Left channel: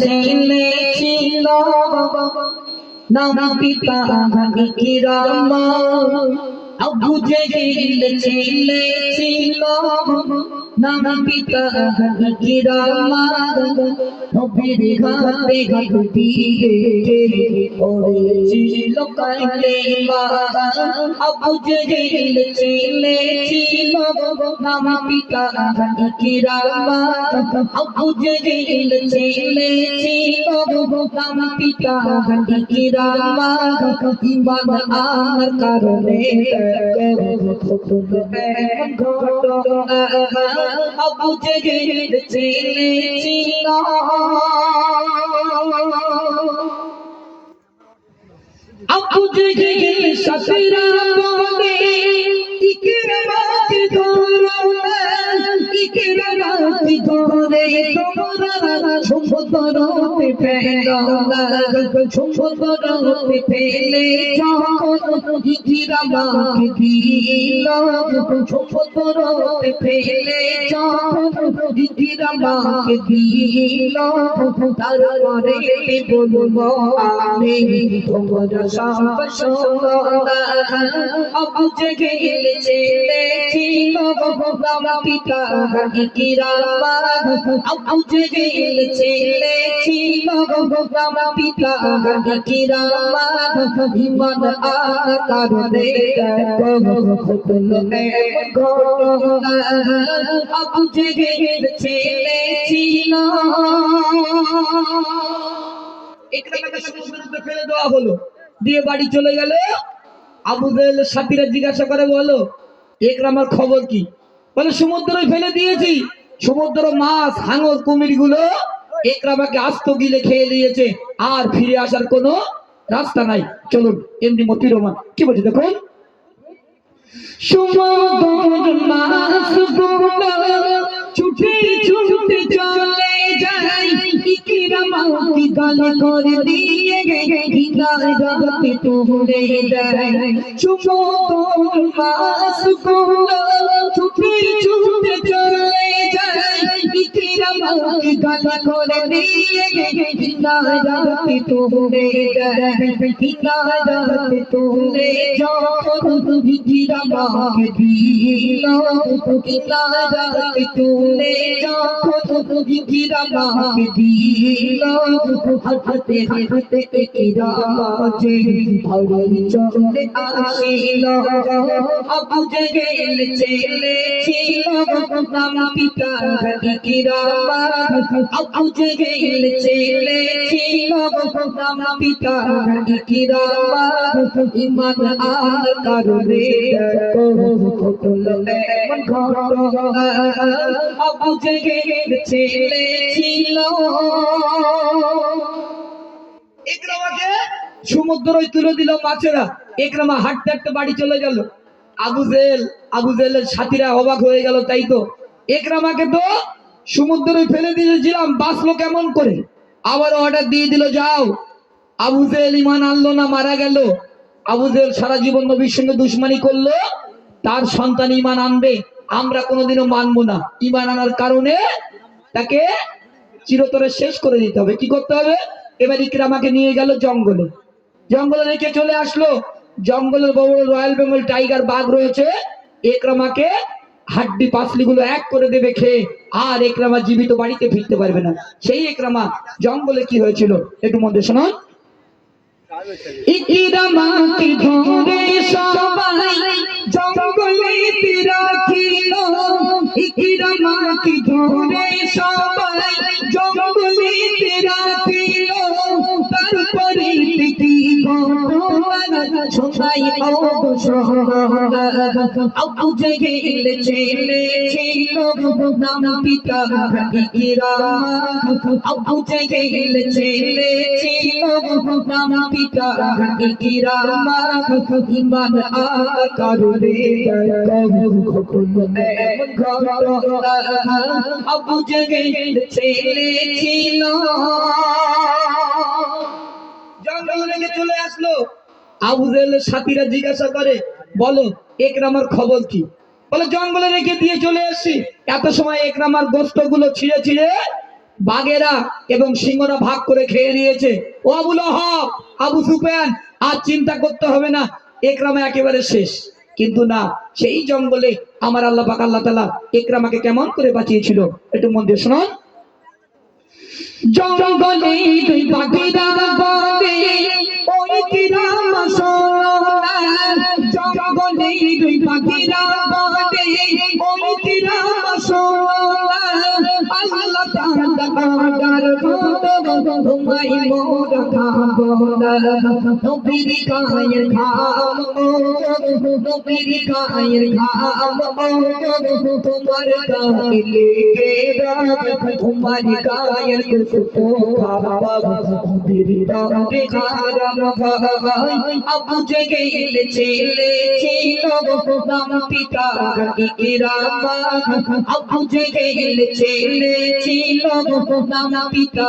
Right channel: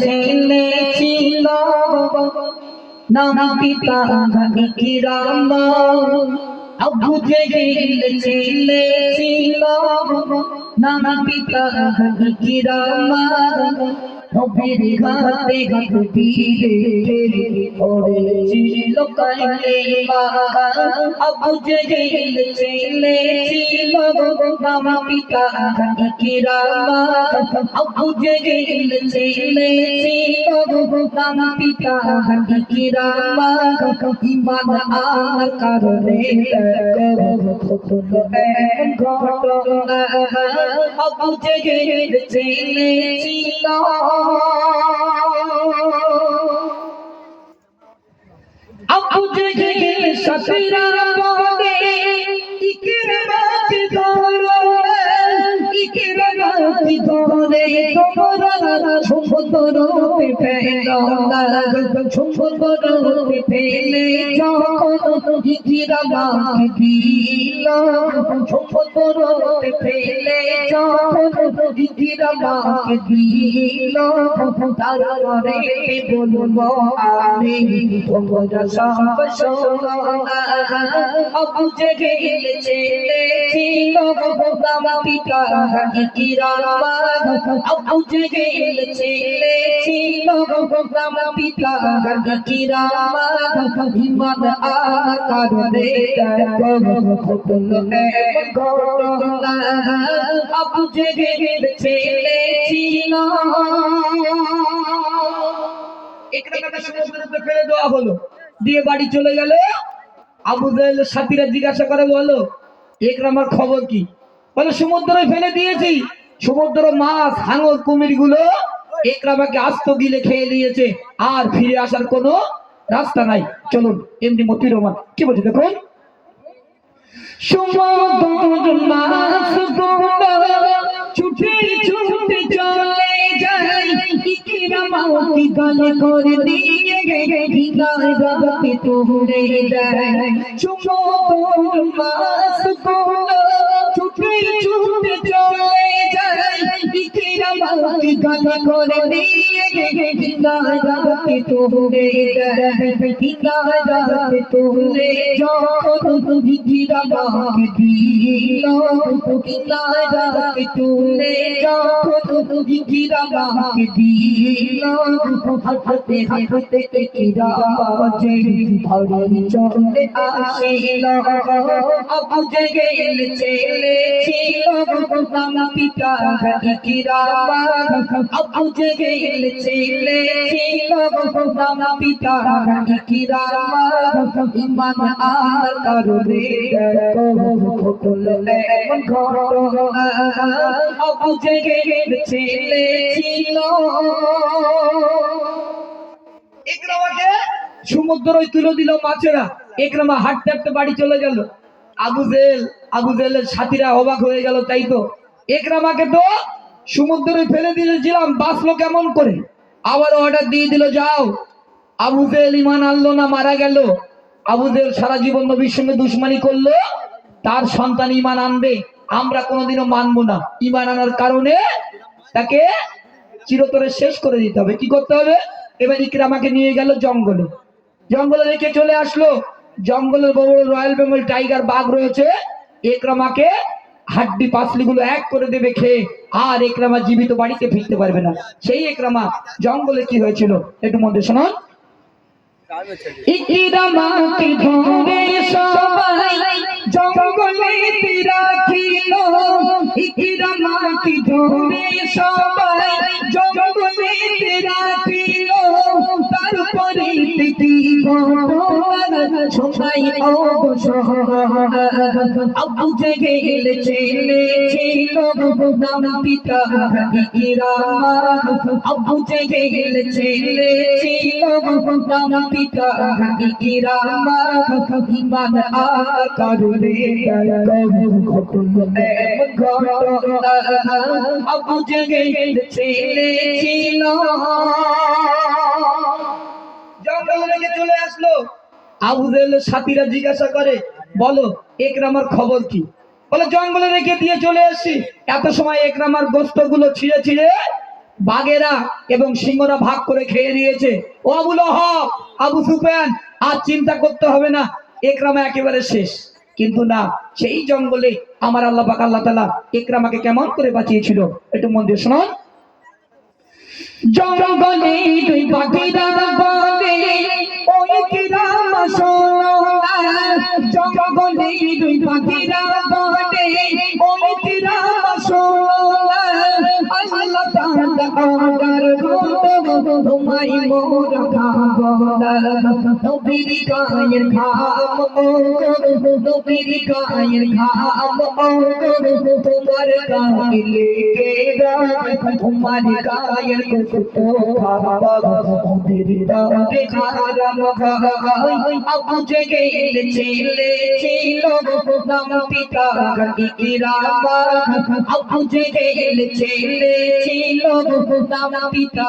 ছেলে ছিল নাম পিতা ইকরাম আবু জেহেল ছেলে ছিল। নাম পিতা ইকরাম নবীর হাতে হাত দিয়ে জেহেল ছেলে পিতা ইকরাম আবু জেহেল ছেলে ছিল নাম পিতা কারণে আবু জেহেল ছেলে ছিল জেহেল সাফিরা সুন্দর পেল সুন্দর পেলে যখন ইকরামাত দিল সুন্দর পেলে যখন ইকরামাত দিল তারপরে বলব আমি তোমরা সব আবু জেহেল ছেলে ছেলে ফেলে দেওয়া হলো দিয়ে বাড়ি চলে গেল আবু জাহেল সাথীরা জিজ্ঞাসা করে বলো একরামার খবর কি? বলে সমুদ্রে ফেলে দিয়েছি। সমুদ্র মাছ, হাঙর কুমিরগুলো একরামাকে আস্ত গিলে খেয়ে দিয়েছে, আর ফিরে আসার কোনো রাস্তা নাই। চলুন, এমনি মতি রহমান কি বলছে, দেখুন। ছুটে ছুটে করে দিয়ে হিদায়তে তোড়ে দেয় হিদায়তে তোড়ে যখন জেহেল ছেলে ছিল একরামাকে সমুদ্রই তুলে দিল মাছেরা একরামা হাঁটতে হাঁটতে বাড়ি চলে গেল আবু জেল আবু জেলের সাথীরা অবাক হয়ে গেল তাই তো একরামাকে তো সমুদ্রে ফেলে দিয়েছিলাম বাঁচলো কেমন করে আবার অর্ডার দিয়ে দিল, যাও। আবু জেল ইমান আনলো না, মারা গেল। আবু সারা জীবন নবীর সঙ্গে দুশ্মনী করল। তার সন্তান ইমান আনবে, আমরা কোনোদিনও মানবো না। ইমান আনার কারণে তাকে চিরতরে শেষ করে দিতে হবে। কি করতে হবে? এবার ইকরামাকে নিয়ে গেল জঙ্গলে। জঙ্গলে রেখে চলে আসলো। জঙ্গলের বড় বড় রয়্যাল বেঙ্গল টাইগার বাঘ রয়েছে। একরামাকে হাড্ডি পাসলি গুলো এক করে দেবে খেয়ে আর একরামা জীবিত বাড়িতে ফিরতে পারবে না। সেই একরামা জঙ্গলে কি হয়েছিল? একটু মধ্যে শোনো ইকিরামাকে ধরে ধরে সবাই জঙ্গলে রাখিল তারপরে ঘটনা শোনাই অবসর আবু জেহেল ছেলে ছিল। নাম পিতা ইকিরাম আবু জেহেল ছেলে ছিল নাম পিতা ইকিরাম ইমান আকারে আবু জেহেল ছেলে ছিল জঙ্গলে চলে আসলো আবু সাথীরা জিজ্ঞাসা করে, বলো, একরামার খবর কি? বলে, জঙ্গলে রেখে দিয়ে চলে এসছি এত সময় একরামার গোস্তগুলো ছিঁড়ে ছিঁড়ে বাঘেরা এবং সিংহরা ভাগ করে খেয়ে দিয়েছে ও আবুল হক আবু সুফিয়ান, আর চিন্তা করতে হবে না, একরামা একেবারে শেষ। কিন্তু না, সেই জঙ্গলে আমার আল্লাহ পাক আল্লাহ তালা একরামাকে কেমন করে বাঁচিয়েছিল, একটু মন দিয়ে শুনুন। জঙ্গলে দুই পাখিরা বলে তোমায় মোর খাব না নবীর গায়ের ঘাম নবীর গায়ের ঘাম তোমার গায়ে লেগে তোমার গায়ের কুতো খাবা নবীর গায়ে খাই আবু জেগেল ছেলে ছিল নাম পিতা ইকরামা আবু জেগেল ছেলে ছিল নাম পিতা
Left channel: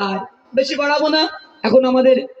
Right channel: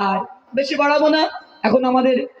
আর বেশি বাড়াবো না। এখন আমাদের